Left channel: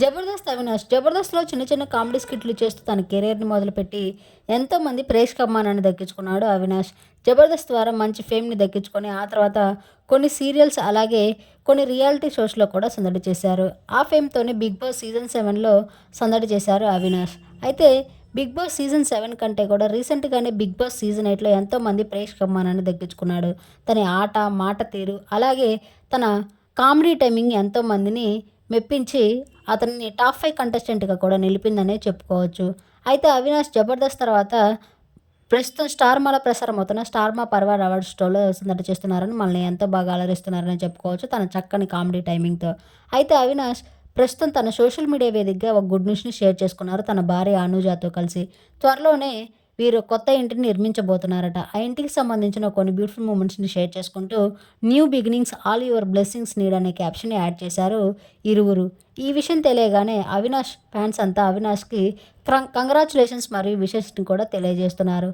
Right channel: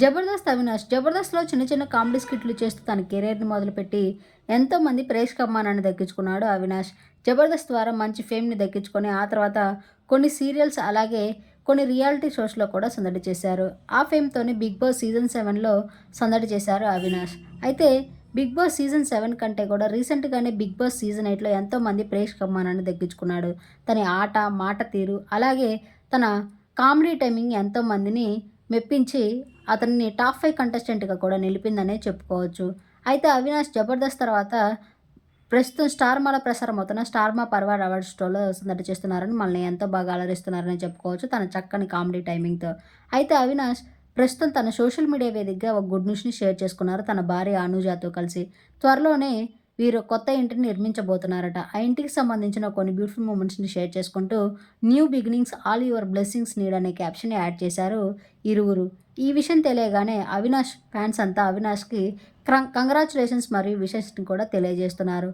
జబర్దస్త్ అవినాష్. జబర్దస్త్లో చిన్న చిన్న కామెడీ స్కిట్లు చేస్తూ తన కెరీర్ని మొదలుపెట్టి ఎంతోమంది ప్రేక్షక అభిమానాన్ని దక్కించుకున్నాడు అవినాష్. జబర్దస్త్ ద్వారా మంచి ఫేమ్ని దక్కించుకొని ఆ తర్వాత కొన్ని సీరియల్స్ అలాగే కొన్ని రియాలిటీ షోస్లో కూడా సందడి చేశారు. ఆ ఫేమ్తోనే బిగ్ బాస్ సీజన్ సెవెన్లో సందడి చేశారు అవినాష్. అయితే బిగ్ బాస్ సీజన్ సెవెన్ కంటే కూడా రీసెంట్గానే బిగ్ బాస్ సీజన్ ఎయిట్లో ఎంతోమంది ప్రేక్షక అభిమానాన్ని దక్కించుకున్నాడు. తన ఆట మాట తీరు అలాగే తన కామెడీ టైమింగ్ ఎంతోమందిని మెప్పించి అతన్ని టాప్ ఫైవ్ కంటెస్టెంట్గా కూడా నిలిపిందనే చెప్పుకోవచ్చు. అయితే అవినాష్ జబర్దస్త్ తర్వాత ప్రస్తుతం స్టార్ మాల ప్రసారం అవుతున్న స్టార్ మా పర్వాడ్ అవార్డ్ షోలో సందడి చేస్తున్నారని మనల్ని ఎంతో బాగా అలరిస్తున్నారని చెప్పుకోవచ్చు తన చక్కని కామెడీ టైమింగ్తో. అయితే అవినాష్ ప్రస్తుతం తన సోషల్ మీడియా వేదికగా ఒక గుడ్ న్యూస్ని షేర్ చేసుకున్నారు తన భార్య అనుజాతో కలిసి. త్వరలోనే వీరు కొత్త ఇంటిని నిర్మించబోతున్నారట. ఆ ఇంటికి సంబంధించిన కొన్ని బ్యూటిఫుల్ మూమెంట్స్ని షేర్ చేసుకుంటూ new beginnings all your blessings need అనే క్యాప్షన్ యాడ్ చేశారు ఇరువురు. ఈ విషయం తెలియగానే అవినాష్ ఫ్యాన్స్ అంతా అవినాష్కి కంగ్రాచులేషన్స్ మరియు విషెస్ని కూడా తెలియజేస్తున్నారు.